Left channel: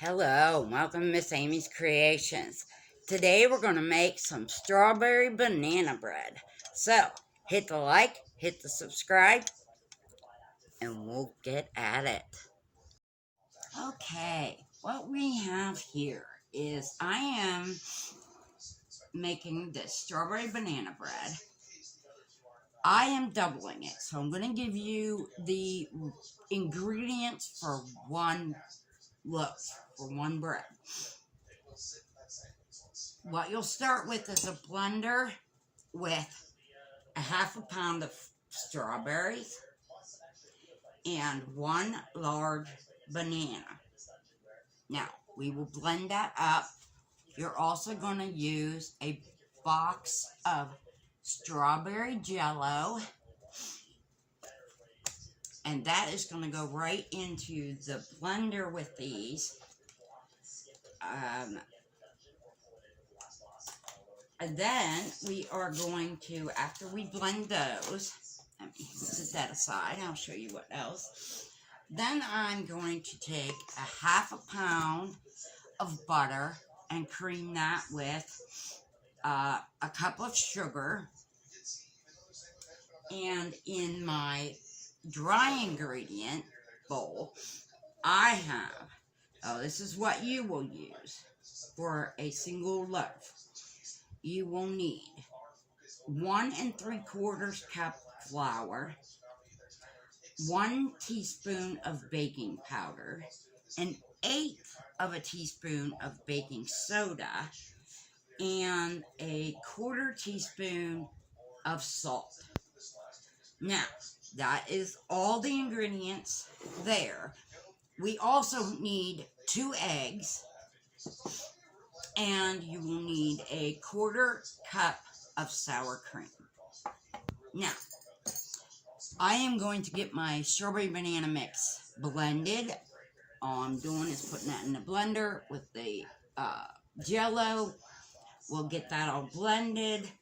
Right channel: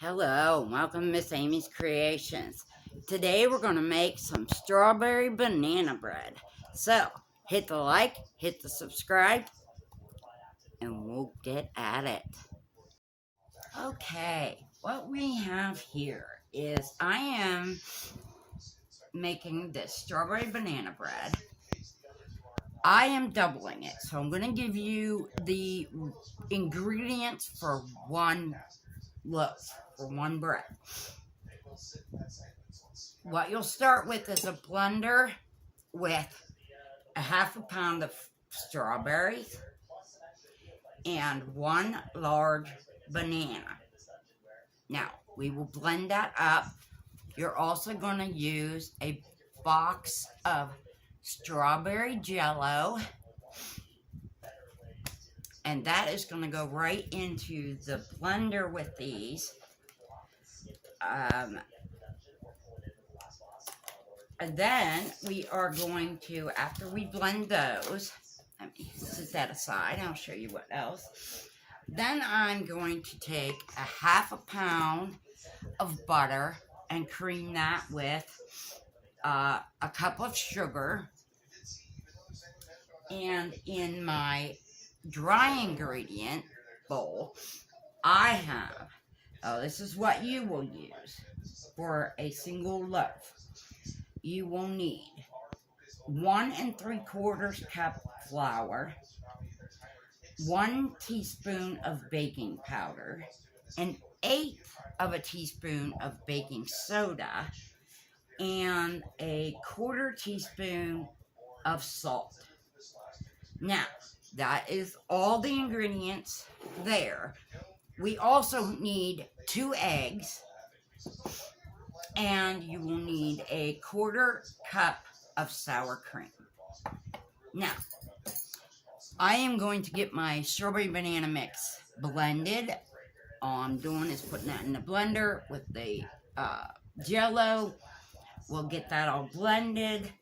Hello, welcome to Miss Amy's Creations. Today we're going to make some strawberry banana bread. So, hit the like, hit the subscribe, and we'll get at it. Okay, what we have here is I am making this strawberry banana bread. I am doubling it, so I'm going to give you the ingredients for one loaf, for one bread. What you'll start with is a blender with a half a pound of strawberries and one large banana. Now, we will blend that up. You're also going to use a box of strawberry jello, and that is going to go right into the blender with these. And then we are going to, after we blend those, let me set that aside, I'll show you what else. Then I'm going to take a half a pound of butter and cream that with a cup of sugar. And in my dry ingredient bowl, I have, this is what you will use for a single loaf. You will need 1 3/4 cup flour, 1 teaspoon of baking powder, 1/8 of a teaspoon of baking soda, and 1/4 teaspoon of salt. Now, that is all the ingredients there. We also need 2 eggs, and you will need 1/4 cup of sour cream. Now, I am going to get my strawberry banana mix blended. All I'm doing is putting that in the blender with the jello. We'll get that all blended.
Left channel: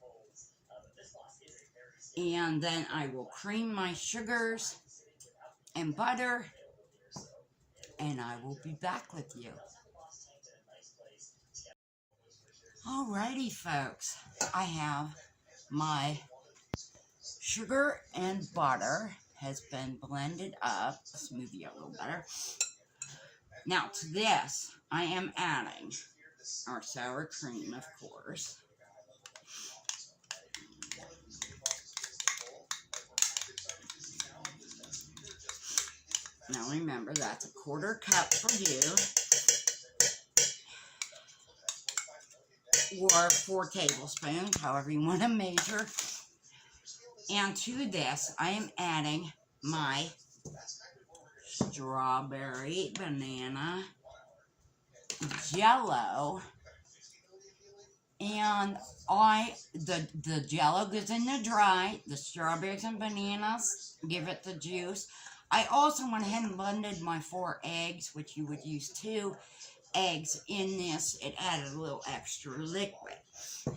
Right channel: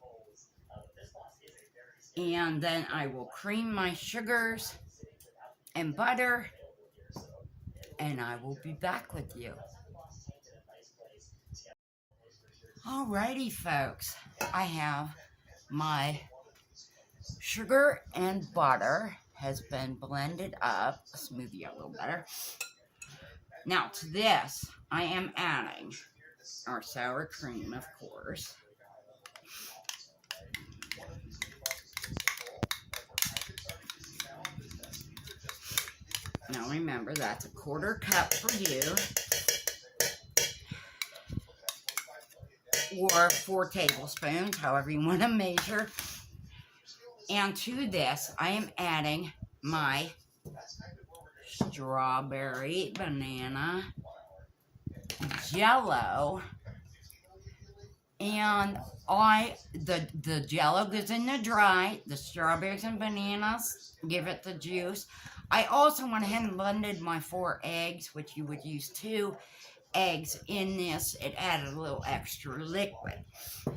And then I will cream my sugars and butter. And I will be back with you. Alrighty, folks. I have my sugar and butter has been blended up. Smoothie a little better. Now to this, I am adding our sour cream, of course. Now remember, that's 1/4 cup for you, or 4 tablespoons, however you want to measure. And to this, I am adding my strawberry banana jello, and the jello goes in the dry, the strawberries and bananas give it the juice. I also went ahead and blended my 4 eggs, which you would use 2 eggs in this. It added a little extra liquid.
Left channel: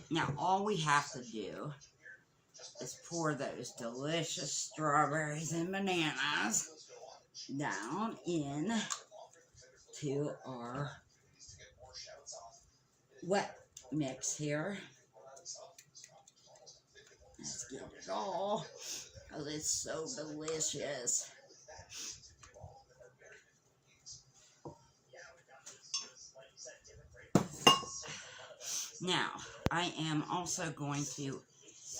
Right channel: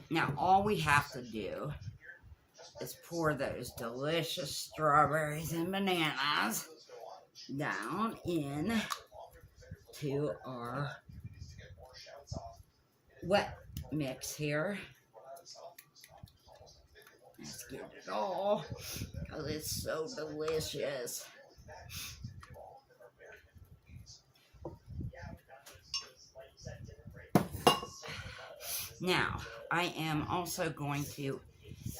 Now all we have to do is pour those delicious strawberries and bananas down in to our wet mix here. Let's get it all, because it's so delicious. Now, I am also going to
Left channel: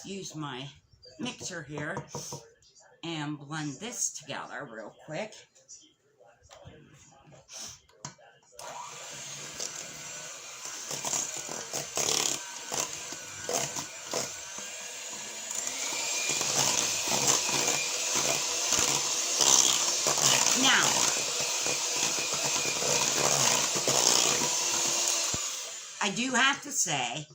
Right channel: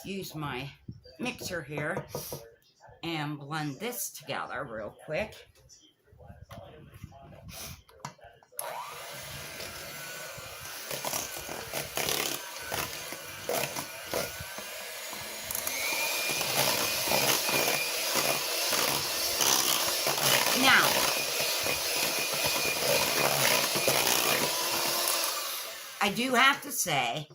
use my mixer here and blend this together real quick. Now, I do have to say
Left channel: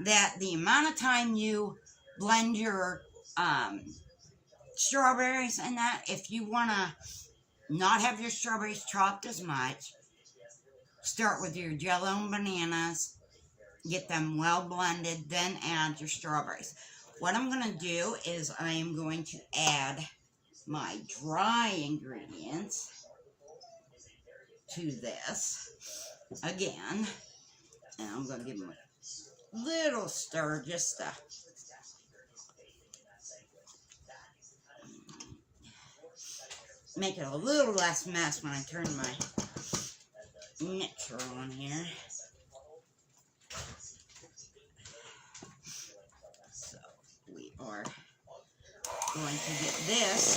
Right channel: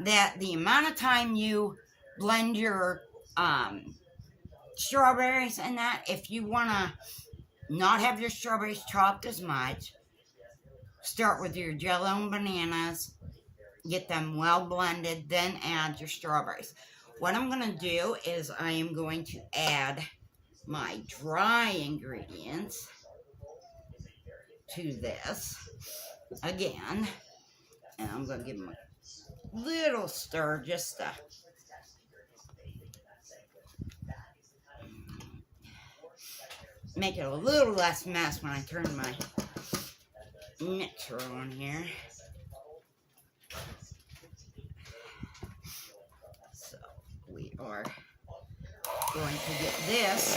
that the amount of time you blend your strawberries and that, if you want to not have your strawberries chopped as much, start with your jello and bananas, get them well blended, then add your strawberries. What I'm going to do is I am going to add my dry ingredients to this. again. And I'm going to give them a little stir just to make it a little less mess when I turn my mixer on here. So we are going to get this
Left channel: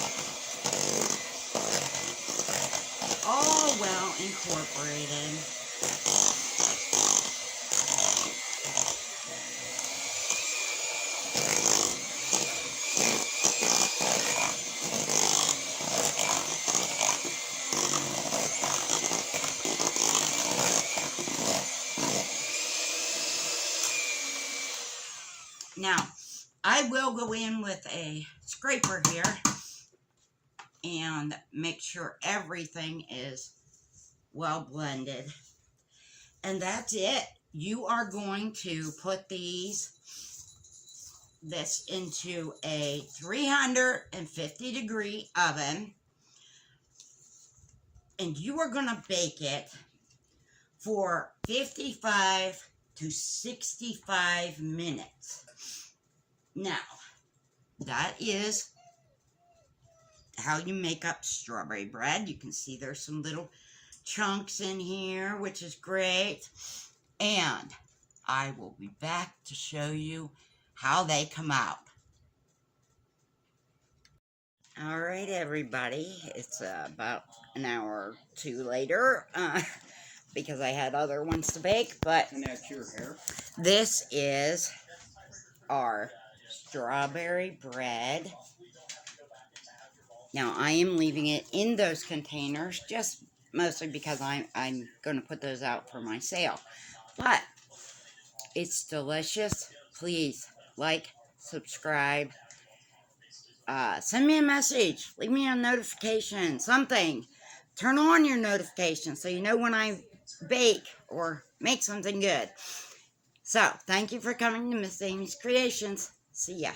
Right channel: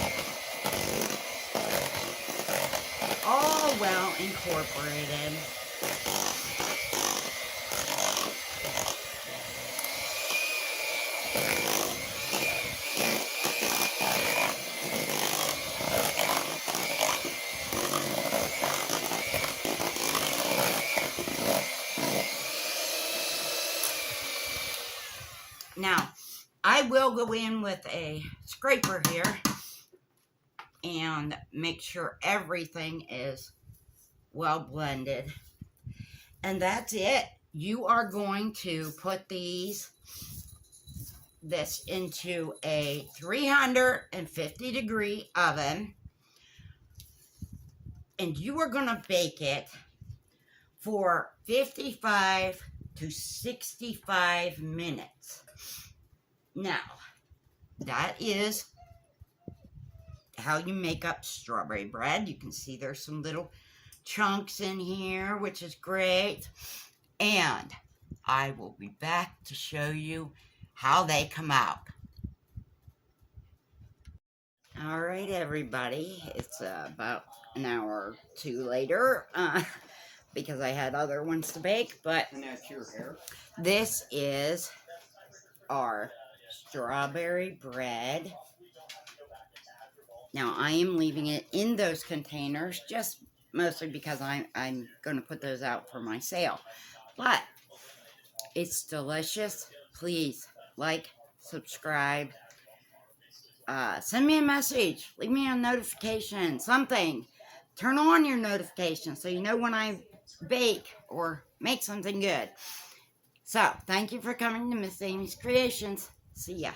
all well incorporated. Now, I will go in with a scraper here and make sure everything is well blended. And that's it. You are going to put this into a 350-degree oven, and you are going to bake it for 55 to 65 minutes. Now, that is how you make up strawberry bread. You can see there's some little chunks in here, which is great. And I will be back to show you how they come out. All right, everybody. It's about an hour or two later because I had other ones to bake. But And that's your hair? This is our strawberry bread. Now, I am leaving it in those containers just mostly because I'm going to put those out for my sale. But it's delicious. Please like, subscribe, send me a message, leave me a notification, something. Turn on your notifications so you know when I bake or make something good. So, thank you for coming to Miss Amy's Creations. See ya.